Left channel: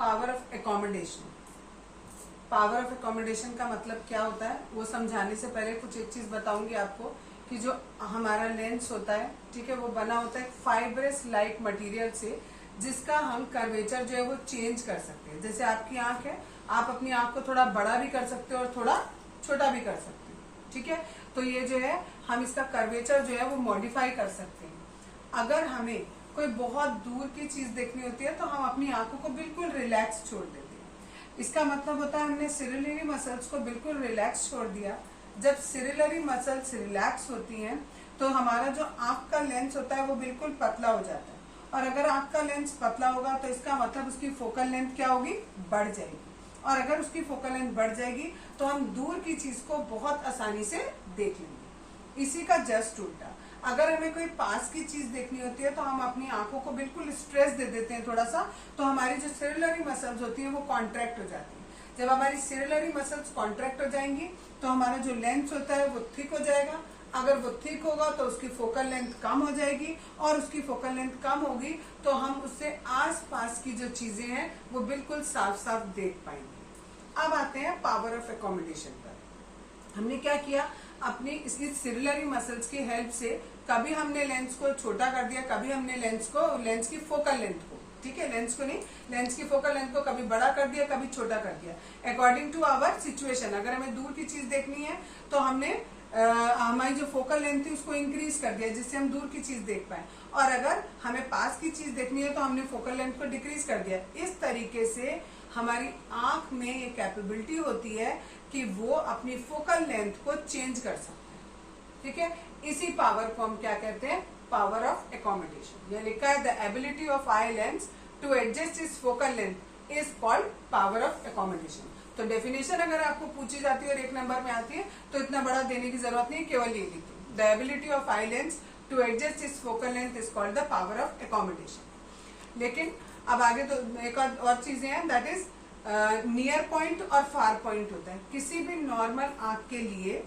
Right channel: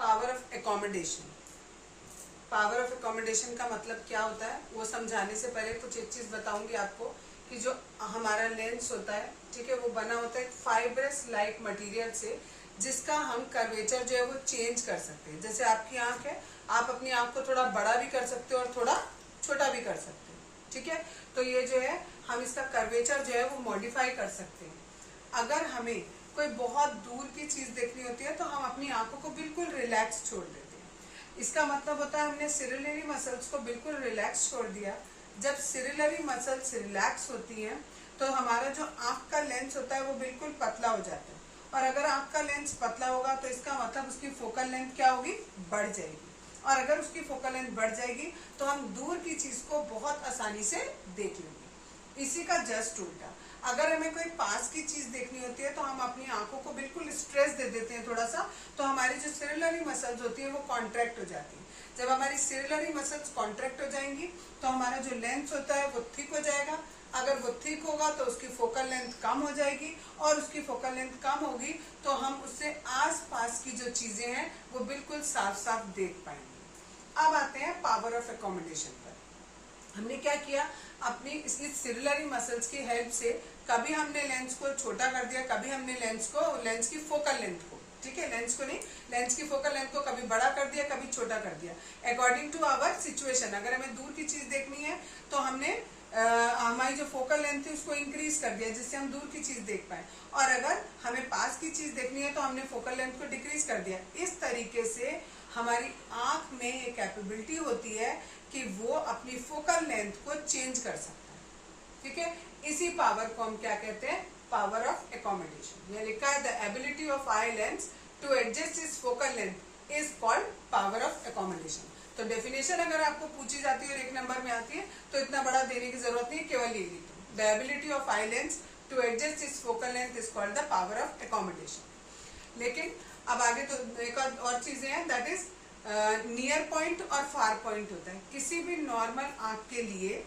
Power of accommodation. Power of accommodation का मतलब क्या होता है वो समझाने से पहले कुछ एक चीज बताऊंगी आपको कि जो हमारा लेंस होता है, ठीक है, वो बना होता है फाइब्रस लाइक मटेरियल से, जिसका हम कर्वेचर जो है वो चेंज कर सकते हैं। जैसे आपकी आंख है, आप अपनी आंख को थोड़ा बड़ा भी कर सकते हो और थोड़ा छोटा भी कर सकते हो, ठीक है। तो ये जो है हम इसका कर्वेचर जो है वो मॉडिफाई कर सकते हैं। अगर हमें कोई बहुत दूर की चीज देखनी होती है तो हम अपनी आंखों को बिल्कुल रिलैक्स छोड़ देते हैं। इसका मतलब होता है हमने सिरिलरी मसल्स को बिल्कुल रिलैक्स छोड़ दिया। जब सिरिलरी मसल्स रिलैक्स होती हैं तो हमारा जो आंख का लेंस होता है वो बिल्कुल पतला हो जाता है। और अगर आंख का लेंस पतला होगा तो इसका मतलब उसकी फोकल लेंथ क्या होगी, बढ़ जाएगी। और अगर उसकी फोकल लेंथ बढ़ जाएगी तो हम दूर की चीज को बहुत आसानी से देख लेंगे। इसी का जस्ट उल्टा, अगर हमें कोई पास की चीज देखनी होती है तो हम अपनी आंखों को बिल्कुल स्ट्रेस दे देते हैं थोड़ा सा, तो हमारी जो सिरिलरी मसल्स होती है वो कॉन्ट्रैक्ट हो जाती है। जब हमारी सिरिलरी मसल्स कॉन्ट्रैक्ट हो जाएंगी तो हमारा जो लेंस होता है वो थिक हो जाएगा। अगर वो थिक होगा तो उसकी फोकल लेंथ कम हो जाएगी, और उसकी फोकल लेंथ कम होगी तो हम उससे आस पास की जो चीजें हैं वो बिल्कुल साफ साफ देख पाएंगे। अब आते हैं पावर ऑफ एकोमोडेशन पर। हमने क्या किया, अपनी इसकी सिरिलरी मसल्स की हेल्प से कभी हमने लेंस को छोटा कर दिया, कभी हमने लेंस की फोकल लेंथ को, ठीक है, लेंस को नहीं, लेंस की फोकल लेंथ को कभी बड़ा कर दिया, कभी छोटा कर दिया, अकॉर्डिंग टू आवर सिचुएशन। अगर हमें दूर की चीज देखनी है तो हमने हमारी जो फोकल लेंथ थी उसको इंक्रीज कर दिया जिससे हम दूर की चीज देख पाए, और अगर हमें पास की चीज देखनी है तो हमने फोकल लेंथ को डिक्रीज कर दिया। इस तरीके से हमारी आंख में ये कैपेबिलिटी होती है कि वो अपनी फोकल लेंथ को चेंज कर सकता है, ठीक है। इसी पावर को हम क्या कहते हैं, पावर ऑफ एकोमोडेशन। यह लिखा है the ability of eye lens to adjust its focal length is called power of accommodation. तो डेफिनेशन अगर आपको पूछी जाती है और एक नंबर में आती है तो इतना बड़ा देने की जरूरत नहीं, केवल ये लिखिए the ability of eye lens to adjust its focal length is called the power of accommodation. लेकिन अब आगे तो एक और चीजें हैं, दैट इज नियर पॉइंट और फार पॉइंट होता है। किसी भी नॉर्मल आंख के लिए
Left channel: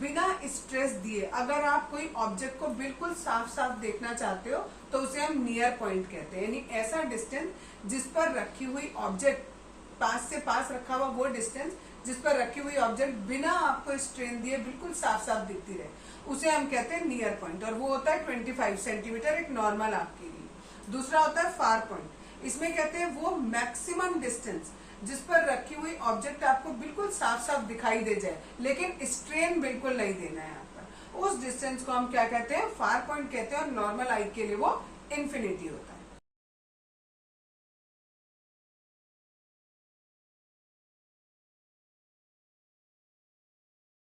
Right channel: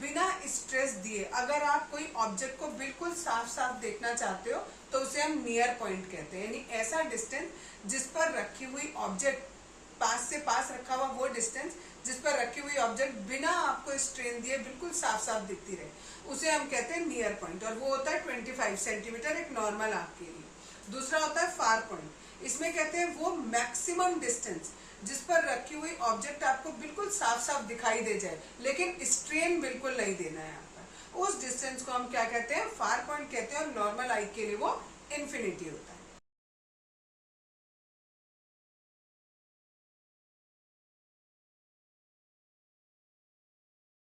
बिना स्ट्रेस दिए अगर आप कोई ऑब्जेक्ट को बिल्कुल साफ साफ देखना चाहते हो तो उसे हम नियर पॉइंट कहते हैं, यानी ऐसा डिस्टेंस जिस पर रखी हुई ऑब्जेक्ट, पास से पास रखा हुआ वो डिस्टेंस जिस पर रखी हुई ऑब्जेक्ट बिना आपको स्ट्रेन दिए बिल्कुल साफ साफ दिखती रहे, उसे हम कहते हैं नियर पॉइंट। और वो होता है 25 सेंटीमीटर एक नॉर्मल आंख के लिए। दूसरा होता है फार पॉइंट, इसमें कहते हैं वो मैक्सिमम डिस्टेंस जिस पर रखी हुई ऑब्जेक्ट आपको बिल्कुल साफ साफ दिखाई दे जाए लेकिन स्ट्रेन बिल्कुल नहीं देना है यहाँ पर, उस डिस्टेंस को हम क्या कहते हैं, फार पॉइंट कहते हैं। और नॉर्मल आई के लिए वो इन्फिनिटी होता है।